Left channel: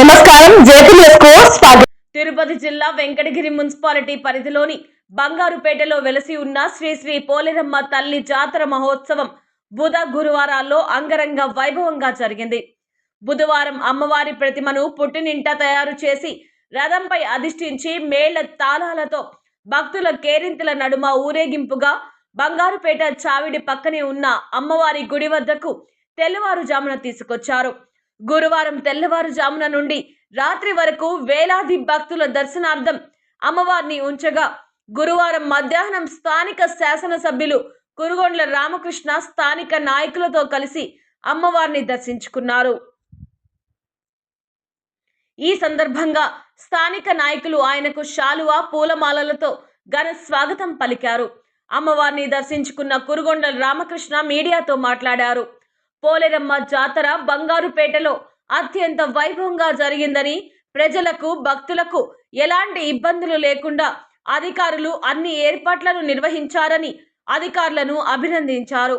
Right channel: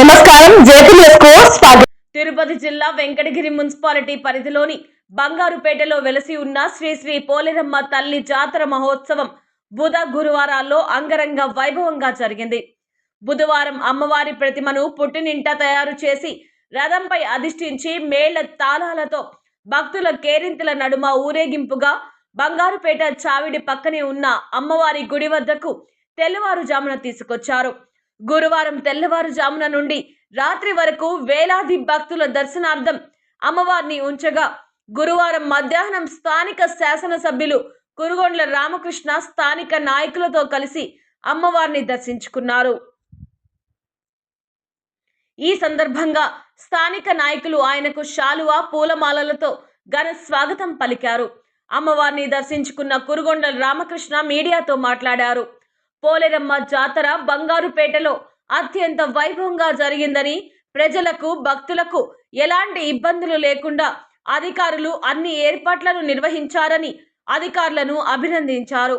నమస్కారం. స్వాగతం. తిరుపతి జిల్లా వెంకటగిరి మున్సిపాలిటీ పరిధిలోని బంగారుపేటలో వెలసి ఉన్న శ్రీ శ్రీ పోలేరమ్మ తల్లి జాతర మహోత్సవం బుధ గురువారాల్లో అంగరంగ వైభవంగా జరిగింది. బుధవారం అమ్మవారి ప్రతిమను పుట్టినింట తయారు చేసి రథంపై అధిష్ఠించి మేళ తాళాలతో భక్తుల కేరింతల నడుమ ఊరేగింపుగా బంగారుపేట చావిడి పక్కనే ఉన్న అమ్మవారి గుడి వద్దకు తెల్లవారుజామున తీసుకొచ్చారు. గురువారం తెల్లవారుజామున నుండి రాత్రి వరకు వేలాది భక్తుల దర్శనార్థం అమ్మవారిని ఉంచగా గురువారం మధ్యాహ్నం స్థానిక శాసనసభ్యులు కురుగొండ్ల రామకృష్ణ స్థానిక నాయకులతో కలిసి అమ్మవారిని దర్శించుకున్నారు. ఈ సందర్భంగా స్థానిక నాయకులు ఆయనకు శాలువా పూలమాలలతో ఘన స్వాగతం పలికారు. అమ్మవారిని దర్శించుకున్న కురుగొండల రామకృష్ణ మీడియాతో మాట్లాడారు. పోలేరమ్మ జాతర బంగారుపేటలో అత్యంత వైభవంగా జరిగిందని ప్రజలకు భక్తులకు ఎలాంటి ఇబ్బందులు లేకుండా అధికారులు అన్ని ఏర్పాట్లను నిర్వహించారని అధికారులను అభినందించారు.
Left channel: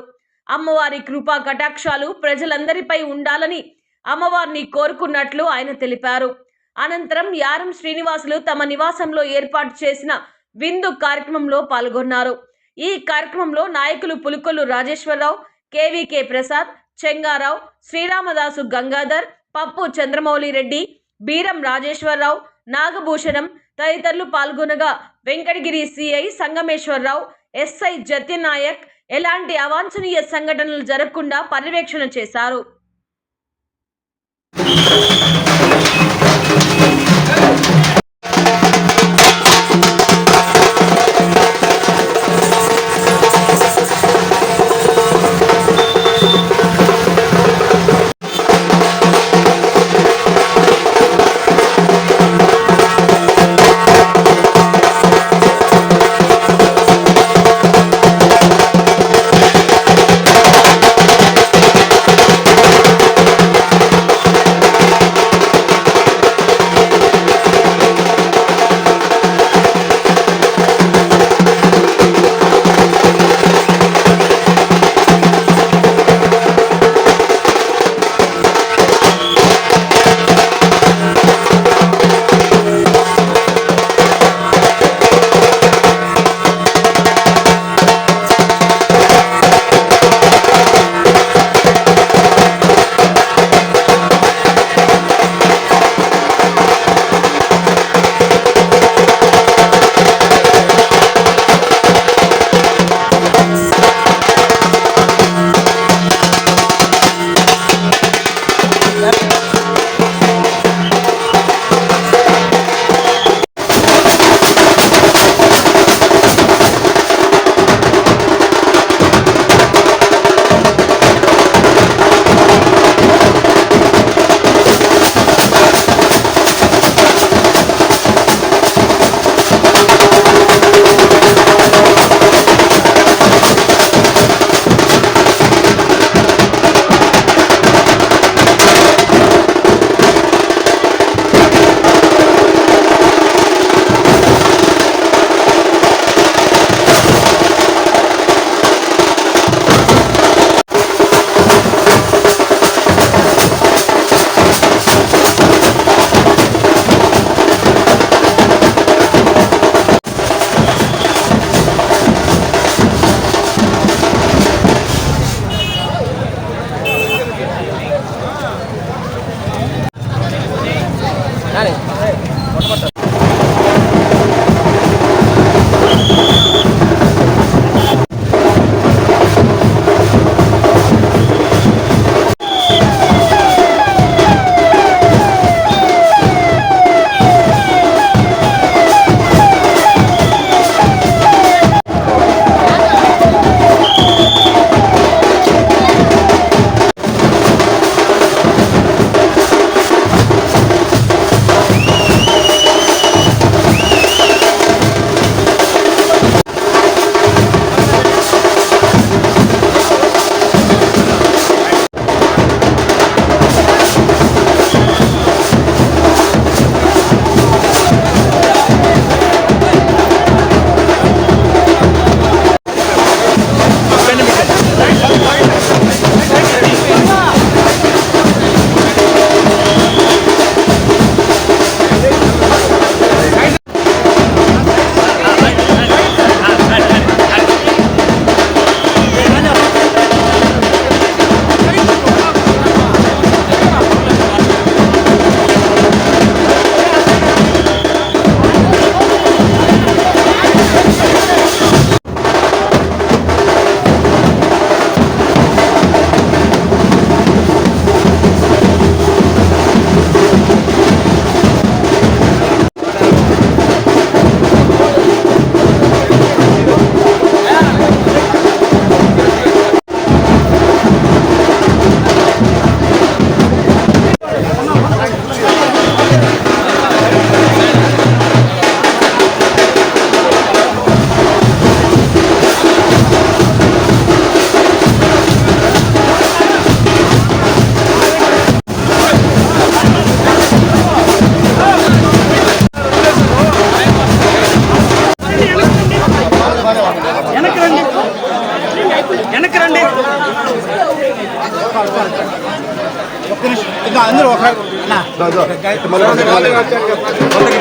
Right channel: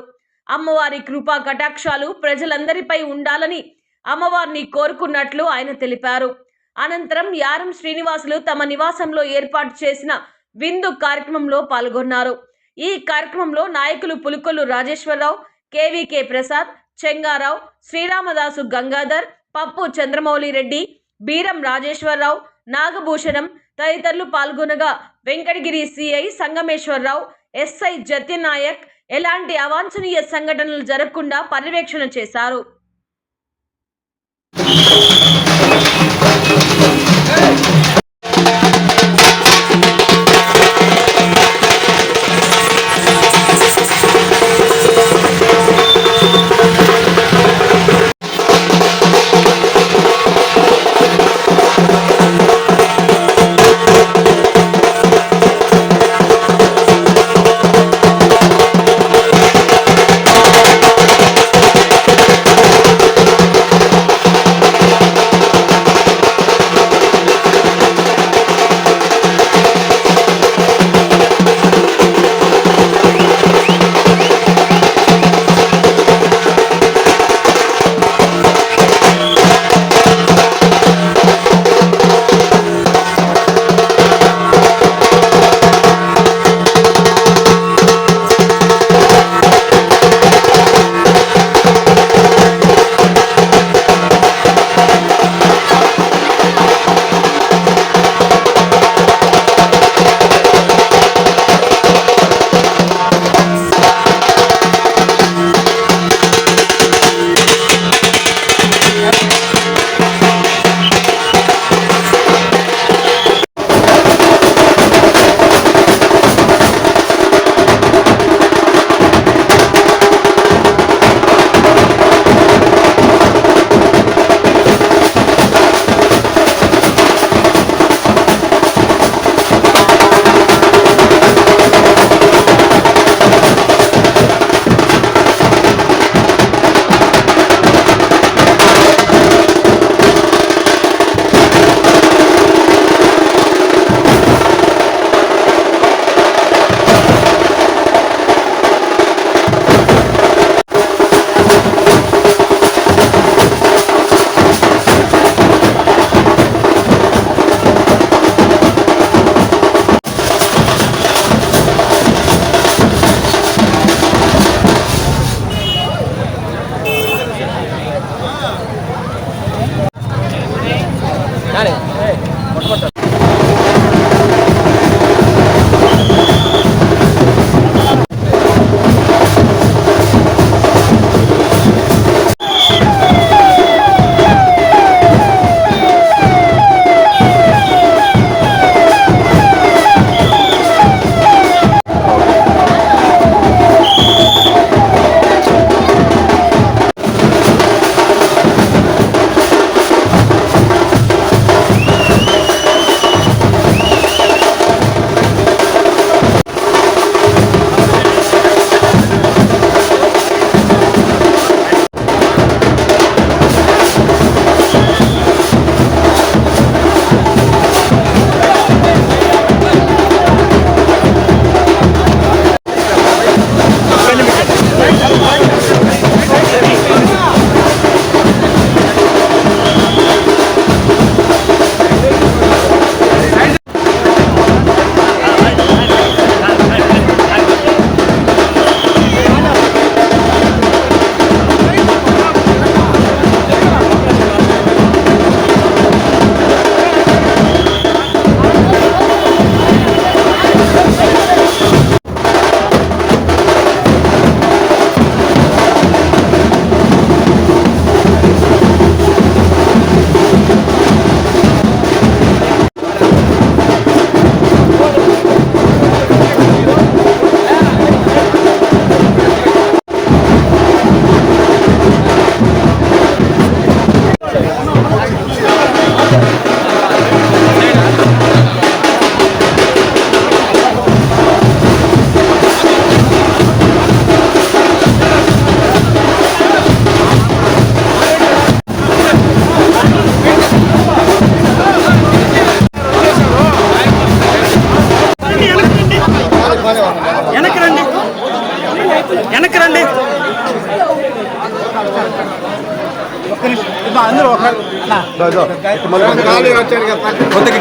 అమ్మవారి కృపా కటాక్షాలు ప్రజలందరిపై ఉండాలని అమ్మవారిని కోరుకున్నట్లు ఆయన తెలిపారు. అనంతరం యారం శ్రీనివాసులు తమ నివాసంలో ఏర్పాటు చేసిన విందు కార్యక్రమంలో పాల్గొన్నారు. ఈ కార్యక్రమంలో నాయకులు పులుకొల్లు రాజేశ్వరరావు కేవీకే ప్రసాద్ చెంగారావు శ్రీరామదాసు గంగాధర్ పప్పు చంద్రమౌళి రెడ్డి బీరం రాజేశ్వరరావు నాగభూషణం తదితరులు పాల్గొనగా వెంకటగిరి సిఐ సంగమేశ్వరరావు ఎస్ఐ జత్యనాయక్ ఎలాంటి అవాంఛనీయ సంఘటనలు జరగకుండా పర్యవేక్షణ చేశారు.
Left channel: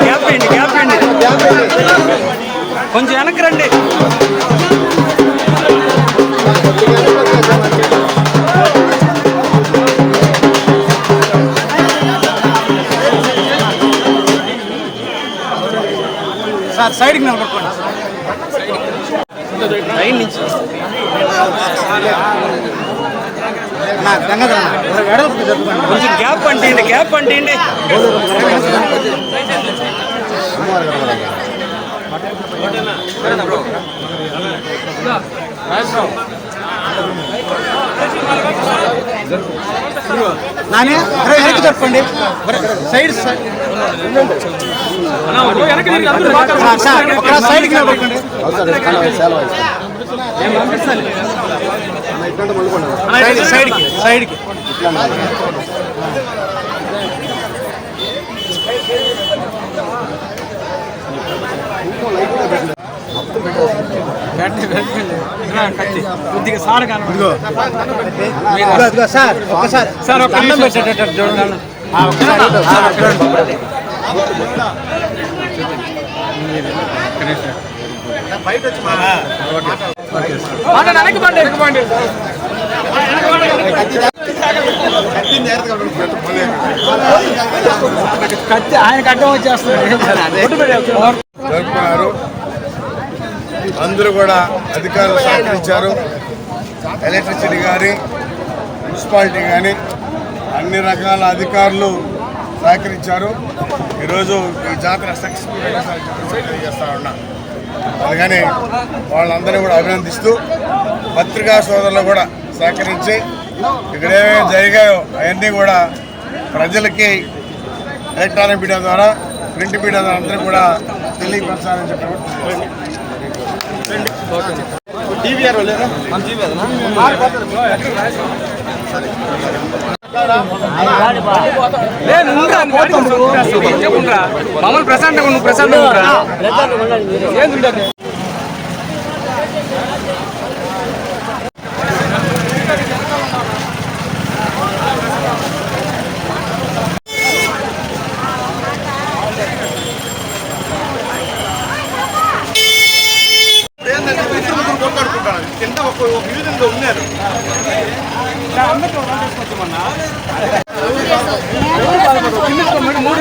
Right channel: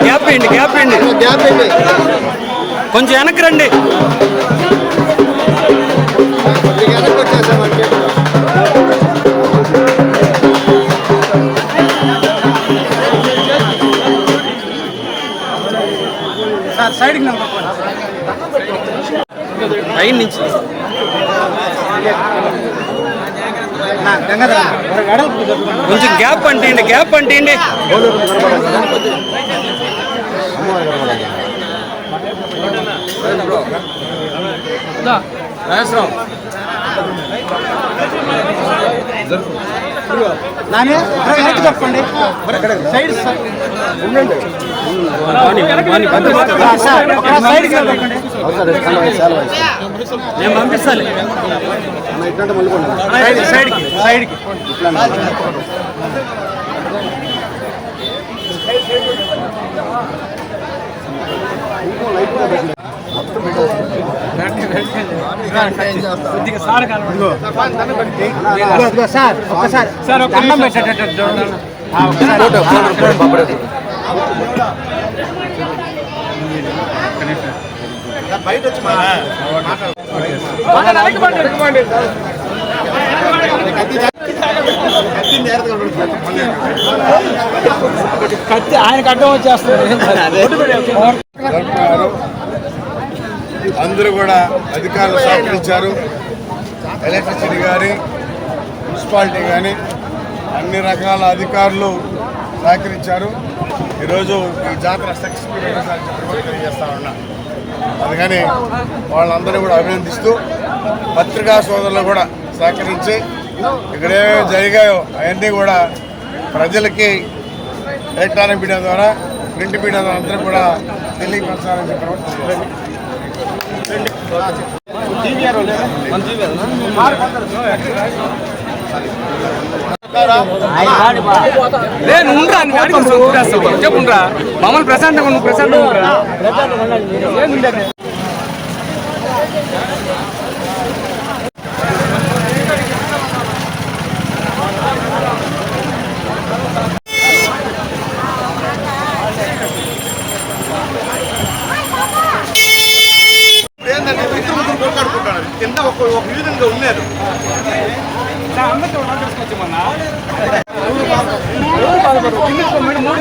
గ్యాప్ గ్యాప్ కొంచెం వెనక్కి రండి. సార్ సైడ్కి నిలబడుకోండి. లైన్ నుంచి. కొంచెం గ్యాప్ అంటేయండి గ్యాప్ నాని వెనక్కి సైడ్ సైడ్కి నేను పంపిస్తాను సైడ్ సైడ్కి సైడ్కి కొద్దిగా సార్ ఇదిగో సార్ నిమిషం. పెట్టేటట్టు చూడండి ఆ, ఒక్కసారి ఆ, చూడండి కత్తి ఆయన కట్టం వచ్చేస్తున్నాడు జరుపుకున్నారు అందరూ కూడా అధికారులు సహకరించారు. ఎలక్ట్రిసిటీ కానీ మున్సిపాలిటీ కానీ అన్ని రకాల అధికారులు సహకరించారు. ఈరోజు ఈ జాతర సక్సెస్ఫుల్ తెలియజేస్తా ఉన్నా. అందుకని వాళ్ళందరినీ కూడా అభినందిస్తూ పత్రికా సోదరులు కూడా సహకరించి ఇక్కడ ఏమేమి జరిగాయో అవన్నీ కూడా ప్రజలకి ఎలక్ట్రానిక్ మీడియా ద్వారా ప్రింట్ మీడియా ద్వారా అందరూ కూడా తెలియపరచాలని చెప్పడం కూడా ప్రశాంతంగా ప్రశాంతంగా కింద ఒక ఒక విధంగా ఉన్నారు మూడు